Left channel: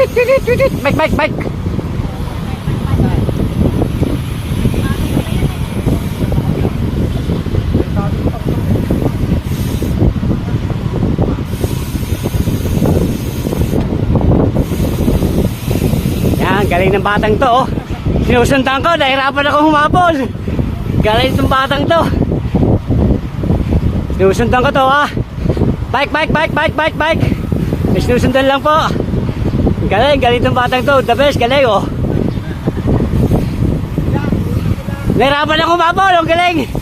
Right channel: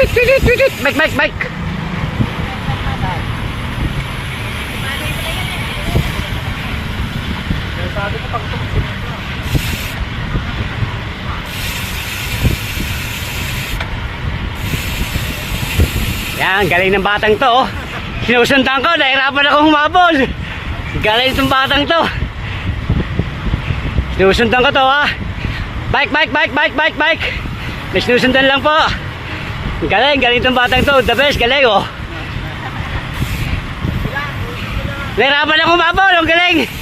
Bike, bike, bike. Yan, galing ng batang to, oh. Sinusundan ko, nahirapan ako humabol. Galing itong batang to. Sinusundan ko to, ha. Bike, bike, bike, bike, bike, bike. Sinusundan lang po. Galing itong batang to. The best, galing, oh. Nahirapan ako humabol, ang galing.